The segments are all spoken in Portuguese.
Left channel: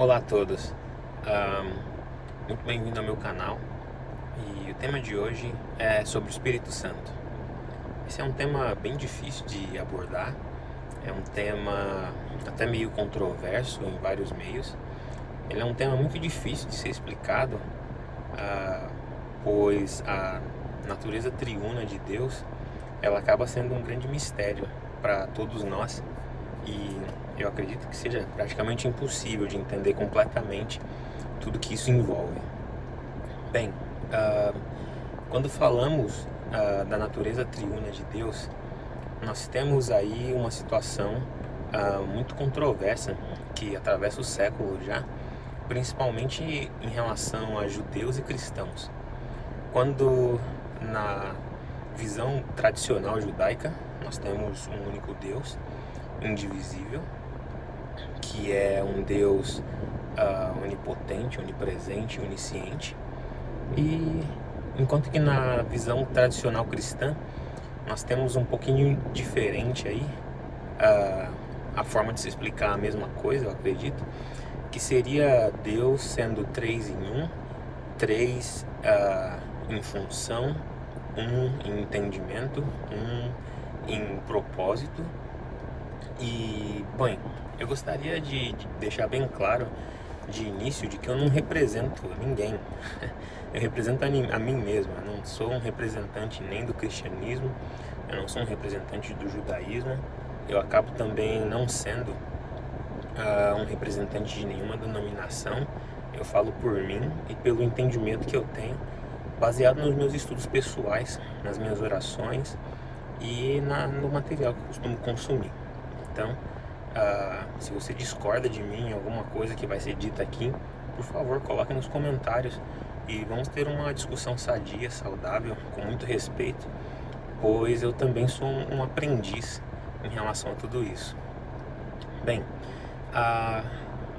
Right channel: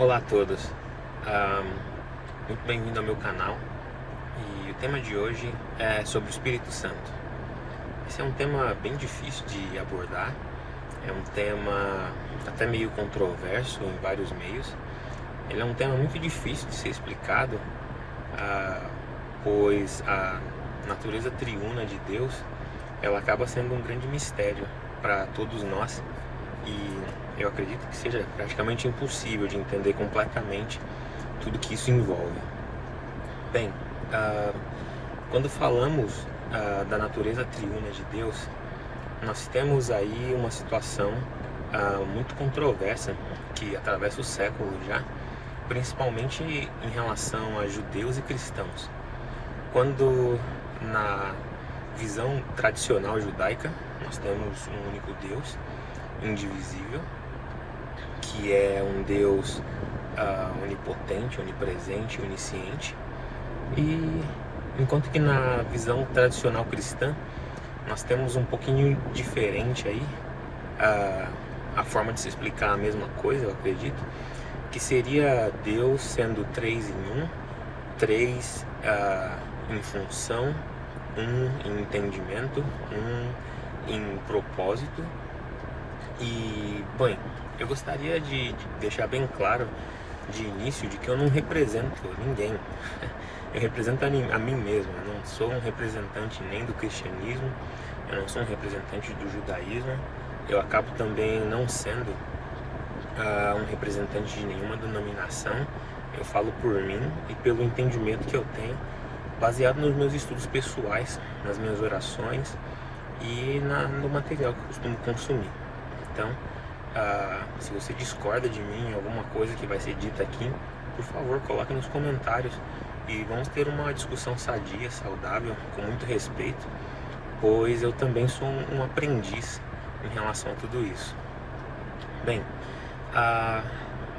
Olá a todos, muito bem-vindo ao meu canal e o tema de hoje é sobre o Espírito Santo. Esse é um tema bem difícil de abordar, é um tema até meio controverso em vários meios. Ele é um tema muito difícil de ser explicado, ah, pois a natureza triuna de Deus ela acaba sendo um grande mistério para todos nós. E eu acredito que seja praticamente impossível de entender completamente tudo que isso envolve. Bem, quando falamos da natureza triuna de Deus, nós temos aí uma situação muito controversa que atravessa o século já, principalmente em relação a judeus e cristãos. Quando na visão tradicional judaica nós temos um único Deus, indivisível, que é um Deus onipotente, onipresente, onisciente. E enquanto que na visão tradicional cristã nós temos um pouquinho diferente aí a forma de se explicar a mesma coisa, eu acredito, que seria Deus sendo três em um, três em função, um em entendimento, um em propósito. E, bem, eu gostaria de deixar bem claro de início de que eu não represento ninguém. Eu represento a mim mesmo. Eu não sou um representante nem do cristianismo, eu não sou um representante do judaísmo. Eu acabo também não sendo um representante de nenhuma denominação. Eu falo por mim e pelo entendimento que eu tenho, baseado nos meus estudos pessoais, nas minhas orações e no material que eu costumo consumir. Então, se você discorda de mim, alguma coisa que vai ser dita aqui, por favor, coloque nos comentários e vamos ter uma discussão sadia, saudável, com muito respeito, pois eu também sou um aprendiz em relação a tudo isso. Bem, a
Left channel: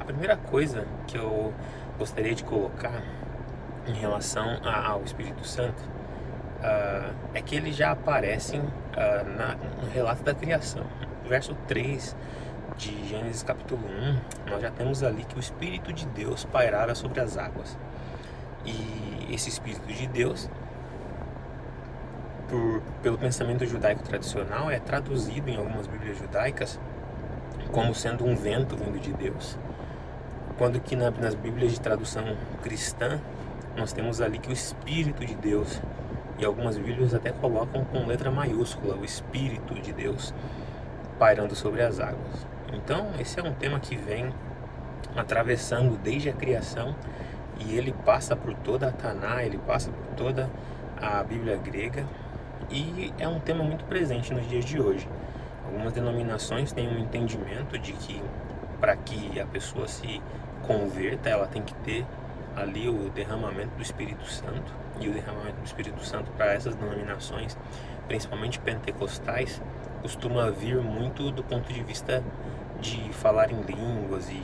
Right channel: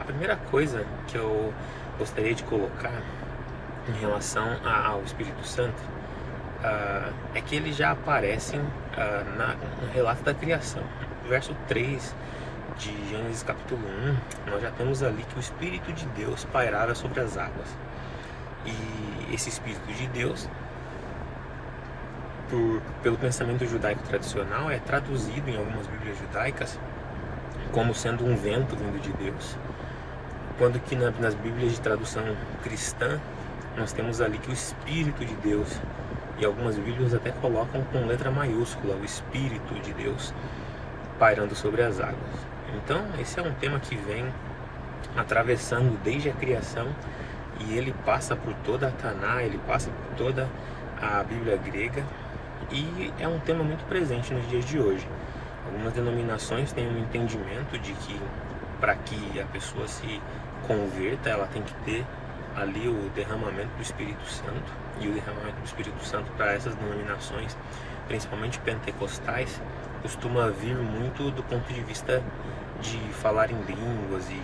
primeira coisa que eu gostaria de colocar em relação ao Espírito Santo é que ele já aparece no relato da criação. Verso 3 de Gênesis capítulo 1, nós já temos ali que o Espírito de Deus pairava sobre as águas. E esse Espírito de Deus, pelo pensamento judaico tradicional, é traduzido em algumas bíblias judaicas como sendo um vento vindo de Deus. Quando que nas bíblias de tradução cristã, nós temos ali que o Espírito de Deus, e algumas bíblias até colocam com letra maiúscula, o Espírito de Deus, pairando sobre as águas. Então, esse é um tema que vem atravessando desde a criação e ele passa por toda a Taná, ele passa por toda a Bíblia grega e é um tema muito presente nos dias de hoje. Algumas denominações têm um entendimento de que para que a pessoa se converta, ela tem que ter ali o derramamento do Espírito Santo, e o derramamento do Espírito Santo para essas denominações, principalmente pentecostais, costuma vir muito do ponto de vista de falar em línguas e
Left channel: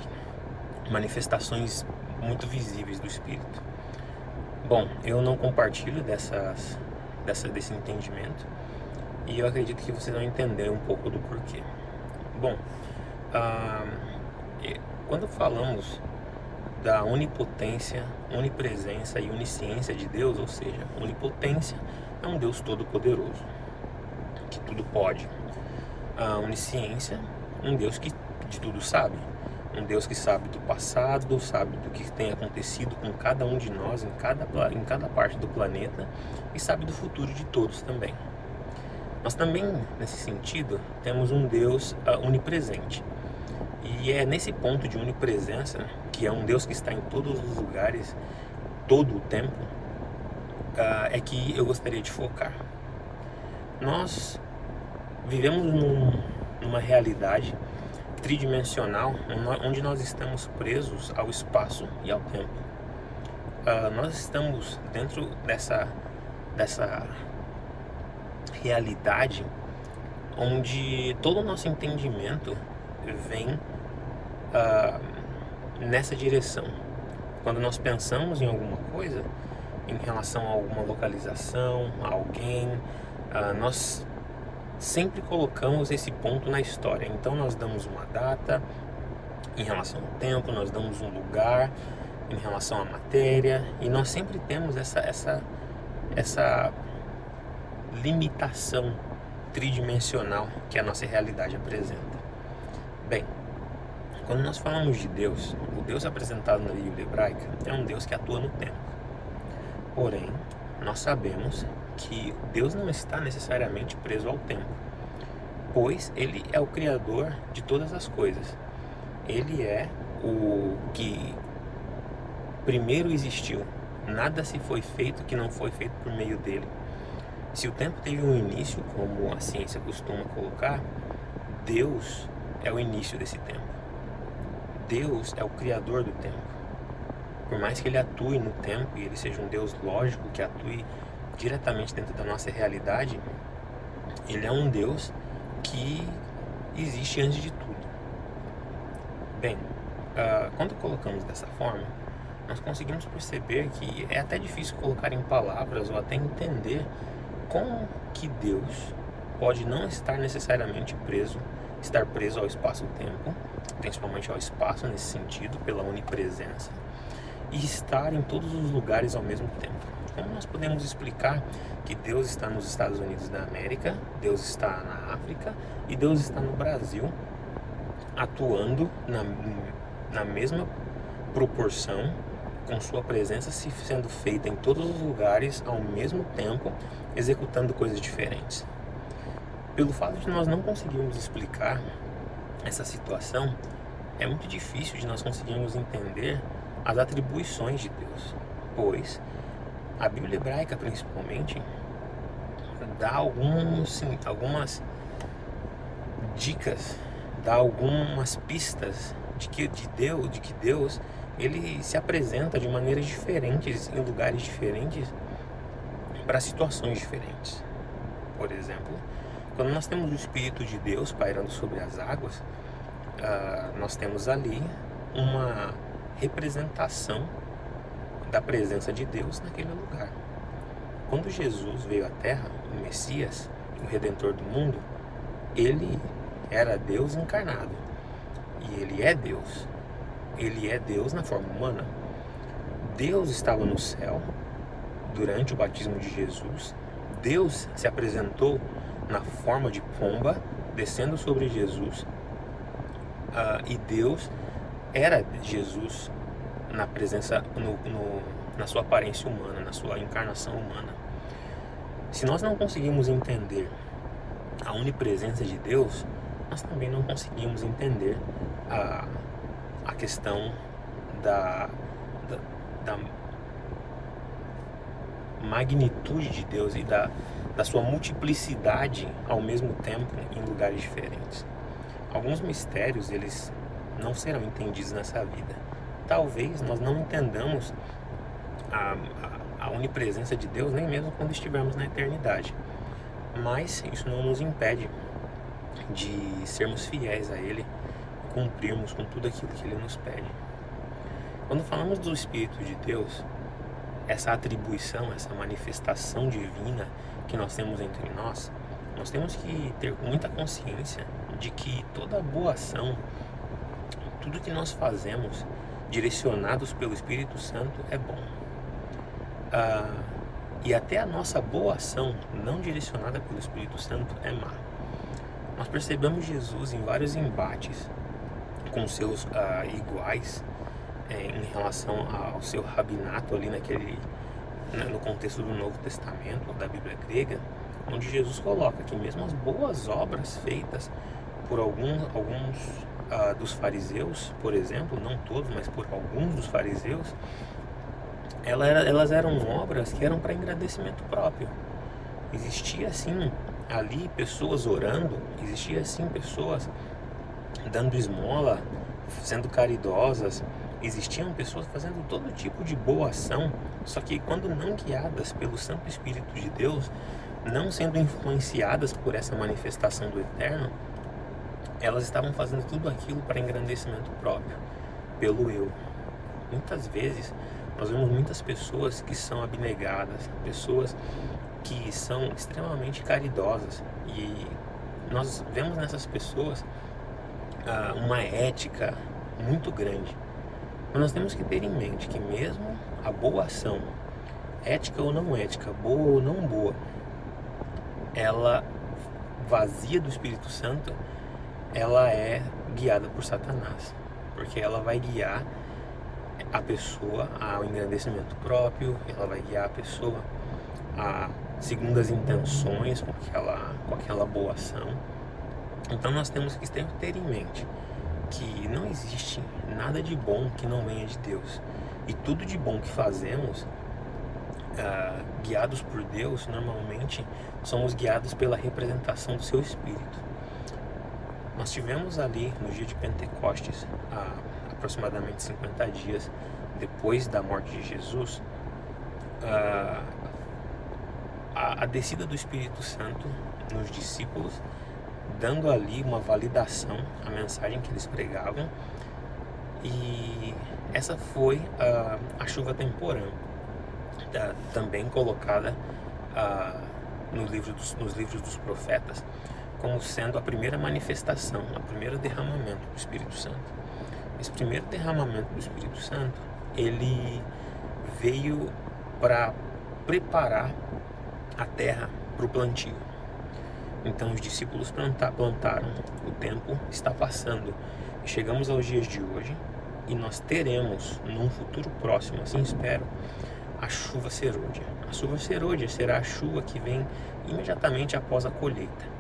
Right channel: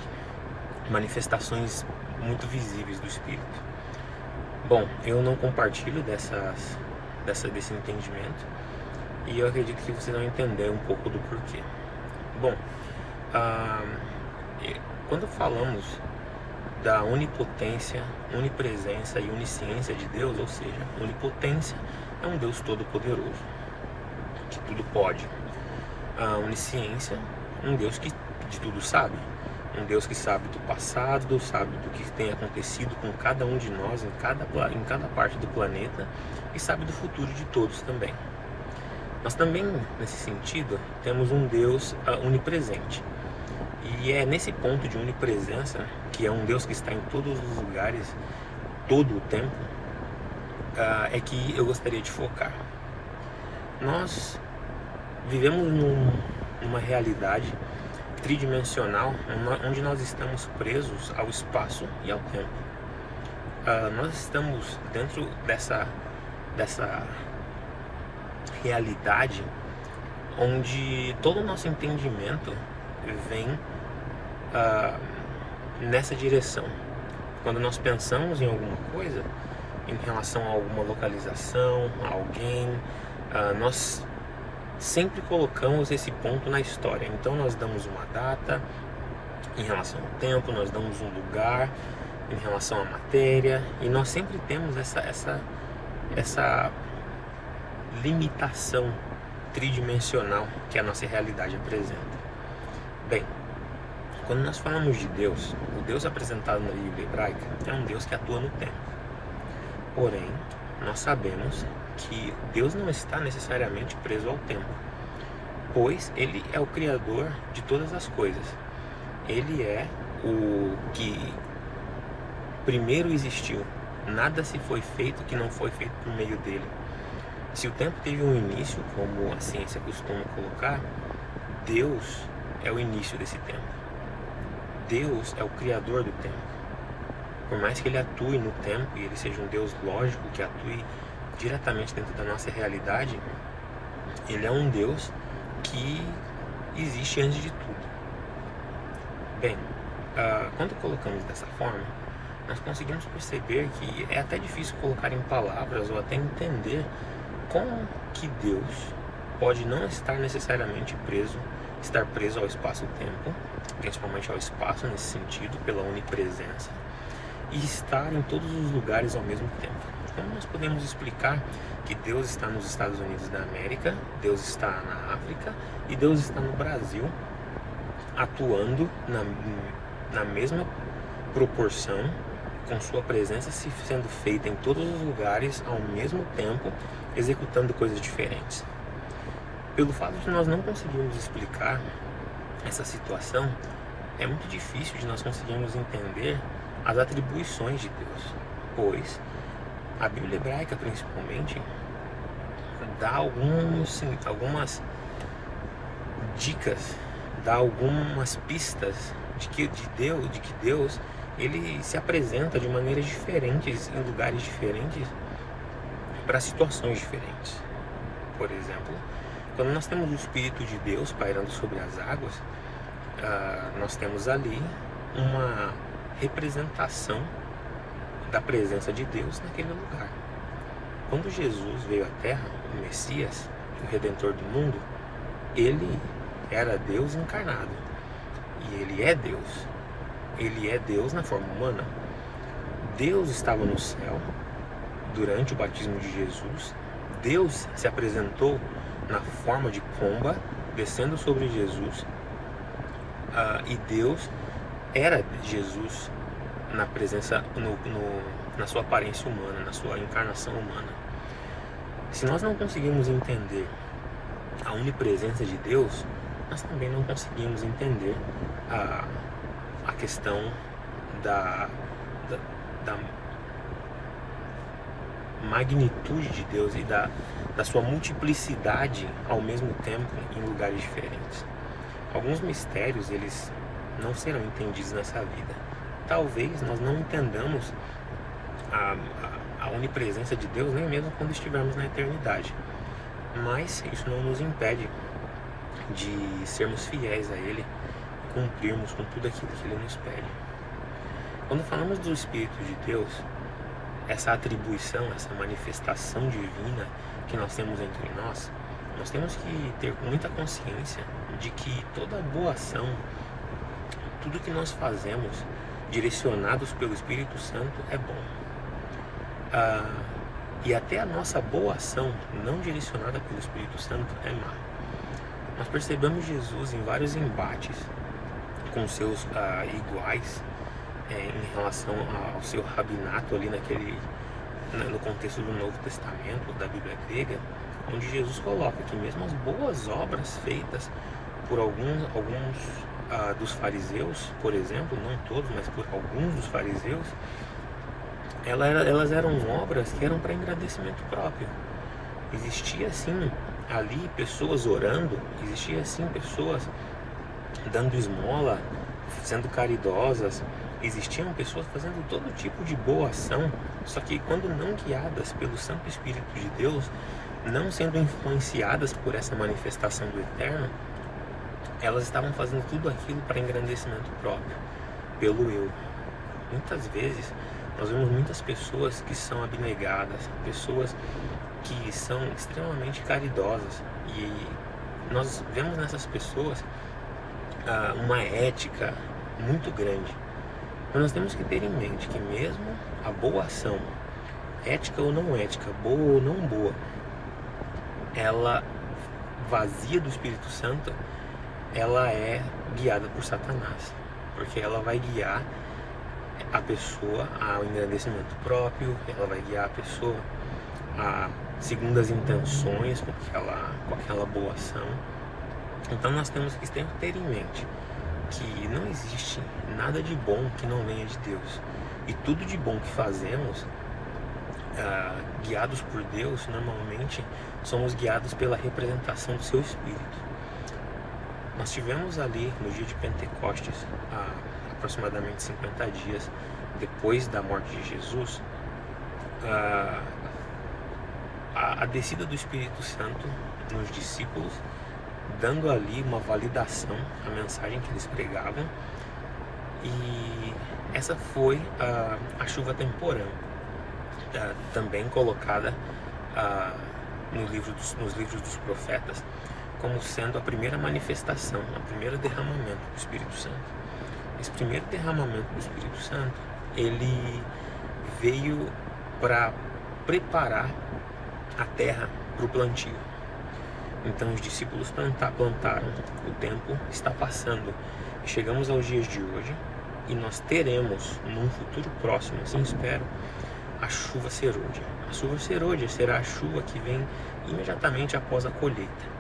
manifestações muito visíveis do Espírito. Bom, eu não compartilho desse entendimento e eu acredito que vocês vão entender um pouco do porquê. Bom, quando falamos da onipotência, onipresença e onisciência de Deus, ou seja, onipotência é um Deus todo-poderoso, que tudo pode. A onisciência, um Deus que de tudo sabe, um Deus que sabe do passado, sabe do que tem acontecido com cada um de nós em cada parte do planeta e sabe do futuro de todos também. Mas também, nesse sentido, temos um Deus onipresente. E é nesse ponto de onipresença, que é um Deus que está em todos os lugares, todo o tempo, é que eu gostaria de focar. Nós vivemos numa realidade tridimensional, onde nós estamos presos ao espaço e ao tempo. Nós estamos dentro dessa realidade onde todo o nosso entendimento vem nessa direção. Quando nós pensamos em alguma coisa, em relação a alguma localização, a alguém, nós sempre colocamos esse ponto na história. Então nós damos uma data em relação ao tempo, nós damos um lugar em relação à matéria, e nós sempre temos essa limitação tridimensional que a nossa realidade apresenta. Bem, quando nós falamos de Deus, o Deus apresentado na Bíblia hebraica é um Deus que atua no tempo. Porém, nós sabemos que Deus não está necessariamente preso ao tempo, pois Ele é o Criador de todas as coisas. Ele é o que primeiro existiu. Nada se foi feito que não foi feito por meio dele. Se o tempo teve um início, como a ciência costuma colocar, Deus é o início desse tempo. Deus é o Criador do tempo. Por mais que Ele atue no tempo e Ele seja um Deus lógico, que atue diretamente dentro da nossa realidade, Ele é um Deus que existe antes de tudo. Bem, quando colocamos dessa forma, nós conseguimos perceber que é até difícil colocar em palavras ou até entender como que Deus pode não estar necessariamente estar preso ao espaço-tempo, principalmente ao espaço nesse sentido, pela onipresença, e estar em todos os lugares ao mesmo tempo. Como nós podemos explicar que Deus está nos Estados Unidos da América, Deus está na África e Deus está no Brasil, atuando na mesma proporção, com sua presença sendo feita em todos os lugares ao mesmo tempo, executando coisas diferentes? Pelo fato de nós não conseguirmos explicar essa situação, é muito difícil de nós conseguirmos entender as atribuições de Deus, pois a Bíblia hebraica, principalmente, dá algumas dicas, dá algumas pistas de que Deus ele se apresenta de maneiras diferentes, em lugares diferentes, para situações diferentes. Por exemplo, quando nós temos o Espírito de Deus pairando sobre as águas, nós temos ali uma representação da presença de Deus naquele lugar. Quando Jesus veio à Terra, o Messias, o Redentor do mundo, Ele era Deus encarnado. E Ele é Deus. Ele é Deus na forma humana. Deus estava no céu durante o batismo de Jesus. Deus se apresentou na forma de pomba, descendo sobre Jesus. E Deus era Jesus na presença, na sua aparência humana, na sua encarnação humana. Se nós não conseguimos entender a onipresença de Deus, nós também não conseguimos entender a questão da magnitude de Deus e da sua multiplicidade ao mesmo tempo em lugares diferentes. Alguns mistérios, eles não serão entendidos nessa vida. Talvez nós não entendamos a onipresença de Deus nem mesmo quando estivermos na eternidade, mas isso não nos impede de sermos fiéis a Ele e cumprirmos com tudo aquilo que Ele nos pede. Quando falamos do Espírito de Deus, essa atribuição, essa manifestação divina que nós temos entre nós temos que ter muita consciência de que toda boa ação, tudo que nós fazemos direcionados pelo Espírito Santo é bom. E até a nossa boa ação não direcionada pelo Espírito Santo é má. Nós percebemos Jesus em vários embates com seus iguais em relação ao seu rabinato ali no contexto do Novo Testamento, da Bíblia grega, onde Jesus coloca que mesmo as boas obras feitas por alguns dos fariseus, por exemplo, não todos, mas por alguns dos fariseus, elas eram obras que eram para engrandecimento próprio. Existia assim ali pessoas orando, existia assim pessoas dando esmola, sendo caridosas, existiam pessoas fazendo todo tipo de boa ação, só que quando não guiadas pelo Santo Espírito de Deus, não sendo influenciadas por essa manifestação do Eterno, elas estavam fazendo tudo aquilo para engrandecimento próprio, pelo eu. Muitas vezes nós vemos muitas pessoas que são abnegadas, pessoas que são extremamente caridosas, e nós vemos nessas pessoas uma ética, muito grande. Mas nós temos que ter em mente que mesmo a boa ação, ética ou não ética, boa ou não boa, ela vazia do Espírito Santo, ela é guiada por Satanás, porque ela vai guiar a pessoa ao engrandecimento próprio, ela vai guiar a pessoa a segundas intenções com aquela boa ação. Então nós temos que sempre ter em mente que não existe nada de bom que não venha de Deus, e tudo de bom que fazemos, guiados por Deus, normalmente somos guiados pela representação do seu Espírito. Nós tivemos ali no dia de Pentecostes, aproximadamente 50 dias depois da morte de Jesus, a descida do Espírito Santo nos discípulos, dando ali uma validação à mensagem que eles pregavam. E essa foi a chuva temporã, também colocada nos livros dos profetas como sendo a primeira manifestação, o primeiro derramamento do Espírito Santo. Esse primeiro derramamento do Espírito Santo, ele veio para preparar a terra para o plantio. Então os discípulos plantaram, o tempo está passando, chegamos aos dias de hoje e nós teremos, num futuro próximo, assim espero, a chuva serôdia. A chuva serôdia será a chuva que vem imediatamente após a colheita.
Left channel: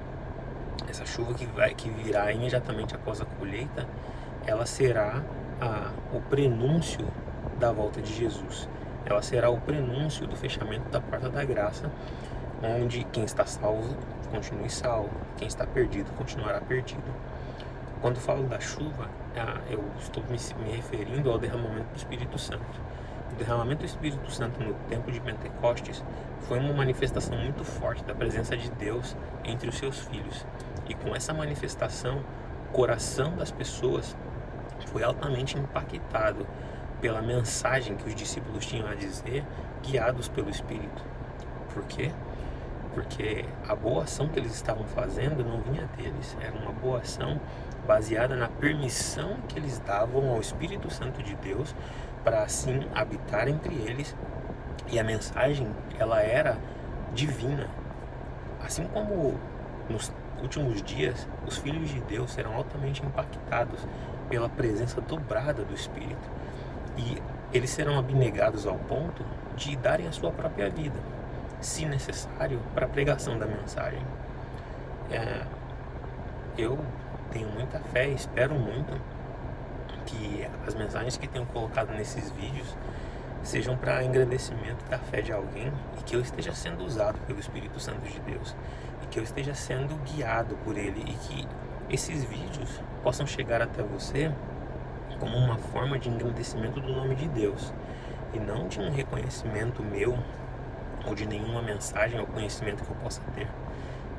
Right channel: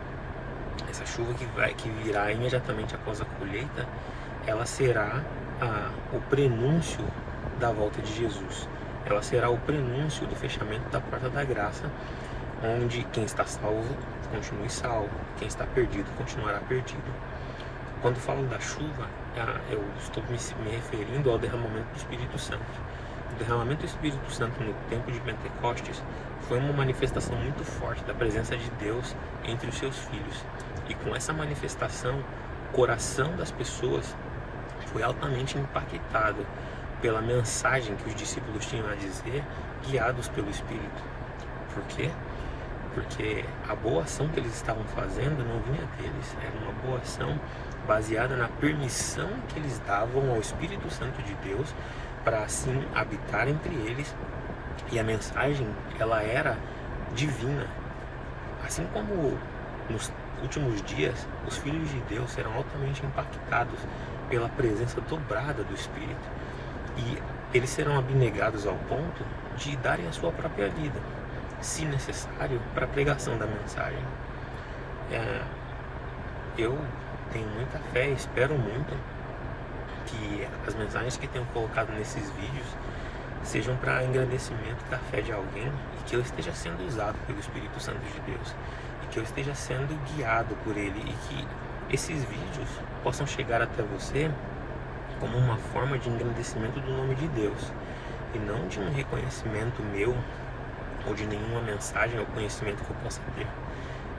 Essa chuva que virá imediatamente após a colheita, ela será o prenúncio da volta de Jesus. Ela será o prenúncio do fechamento da porta da graça, onde quem está salvo continue salvo, quem está perdido continuará perdido. Quando falo da chuva, eu estou me referindo ao derramamento do Espírito Santo. O derramamento do Espírito Santo no tempo de Pentecostes foi uma manifestação muito forte da presença de Deus entre os seus filhos. E com essa manifestação, o coração das pessoas foi altamente impactado pela mensagem que os discípulos tinham a dizer, guiados pelo Espírito. Por quê? Porque a boa ação que eles estavam fazendo não vinha deles, era uma boa ação baseada na permissão que eles davam ao Espírito Santo de Deus para assim habitar entre eles, e a mensagem, ela era divina. Assim como nos últimos dias, os filhos de Deus serão altamente impactados pela presença dobrada do Espírito, e eles serão abnegados ao ponto de darem a sua própria vida, se necessário, para a pregação da mensagem. Eu tenho muita fé, espero muito que as mensagens que tenho colocado nesses vídeos sejam para engrandecimento da fé de alguém, e que eu esteja sendo usado pelo Espírito Santo de Deus, e que eu esteja sendo guiado por Ele, e que esses vídeos possam chegar até você como uma forma de engrandecimento do nome de Deus, e não de um reconhecimento meu ou de nenhuma mensagem ou conhecimento que eu possa ter.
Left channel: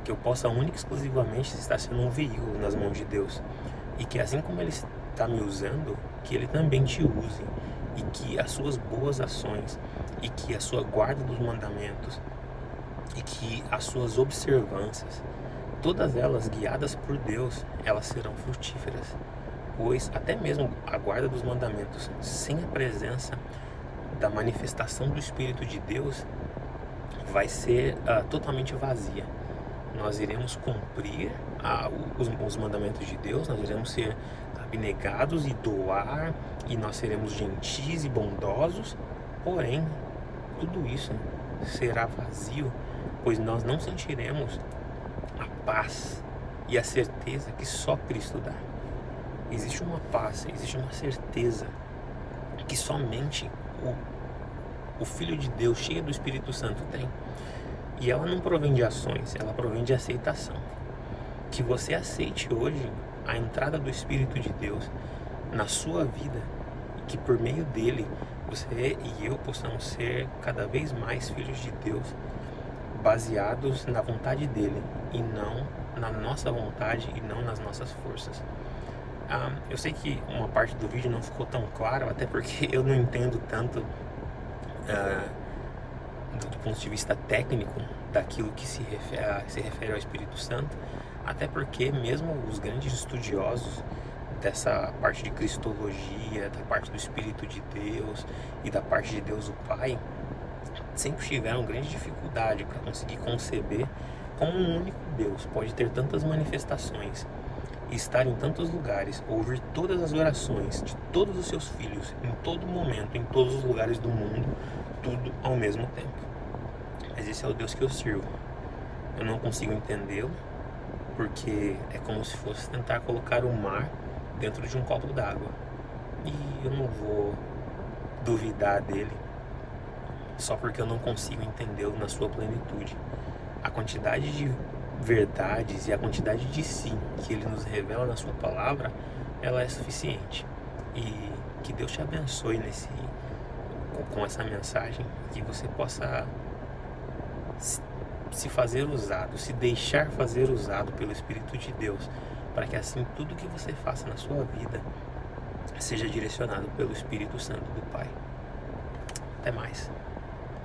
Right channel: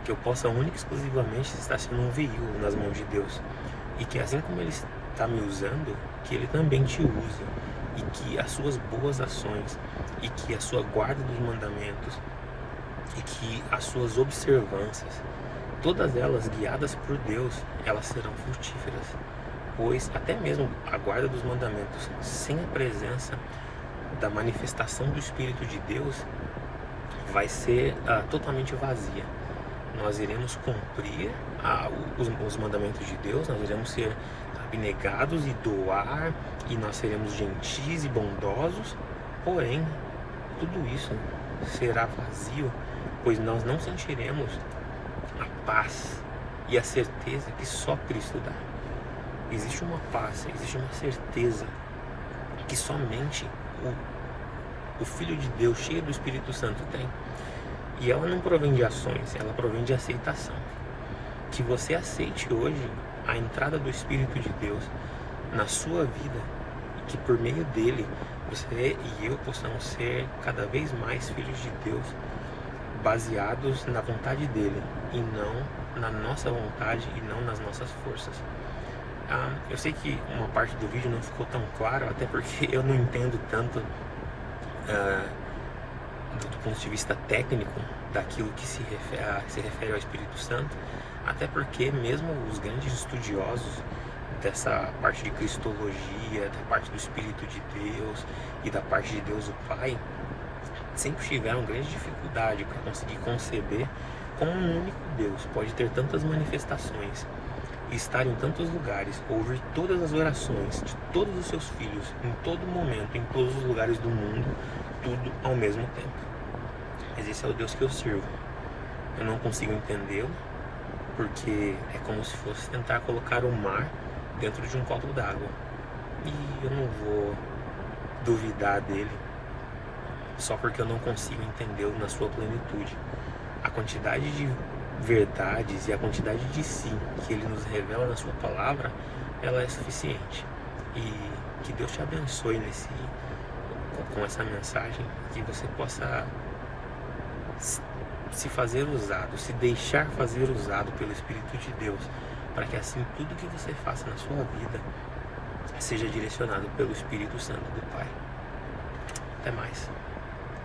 Que eu possa única e exclusivamente estar sendo um veículo nas mãos de Deus, e que assim como Ele está me usando, que Ele também te use, e que as suas boas ações, e que a sua guarda dos mandamentos, e que as suas observâncias, todas elas guiadas por Deus, elas serão frutíferas. Pois até mesmo a guarda dos mandamentos sem a presença da manifestação do Espírito de Deus vai ser totalmente vazia. Nós iremos cumprir os mandamentos de Deus, nós iremos ser abnegados e doar, e nós seremos gentis e bondosos, porém tudo isso será vazio, pois nós não sentiremos a paz e a certeza que só Cristo dá. Existe uma paz, existe uma certeza que somente o Filho de Deus, cheio do Espírito Santo, tem. E ela não provém de ações, ela provém de aceitação. Que você aceite hoje a entrada do Espírito de Deus na sua vida, e que por meio dele você e eu possamos ser cada vez mais filhos de Deus, baseados na vontade dele e não na nossa vontade e não nas nossas forças. Eu sei que uma parte do vídeo não ficou tão claro, até porque eu não entendo tanto do ponto de vista técnico daquilo que se refere ao Espírito Santo, até porque mesmo os grandes estudiosos dessa parte de cristologia, da parte do Espírito de Deus e da parte de Deus o Pai, sempre tiveram grande dificuldade para conseguir conceber como um único Deus pode ter tantas manifestações e estar em tantos lugares, ouvir todas as orações de todos os seus filhos, em todo momento, em todos os lugares do mundo, tudo ao mesmo tempo. Mas esse é o Deus que eu sirvo. Eu não consigo entendê-lo, porque é como se fosse tentar colocar o mar dentro de um copo d'água. E eu não vou duvidar dele só porque eu não consigo entendê-lo na sua plenitude. A quantidade de verdades e a quantidade de si que ele nos revela na sua palavra, ela é suficiente. E que Deus te abençoe com essa mensagem, que você possa se fazer usado, se deixar fazer usado pelo Espírito de Deus, para que assim tudo que você faça na sua vida seja direcionado pelo Espírito Santo do Pai. Até mais.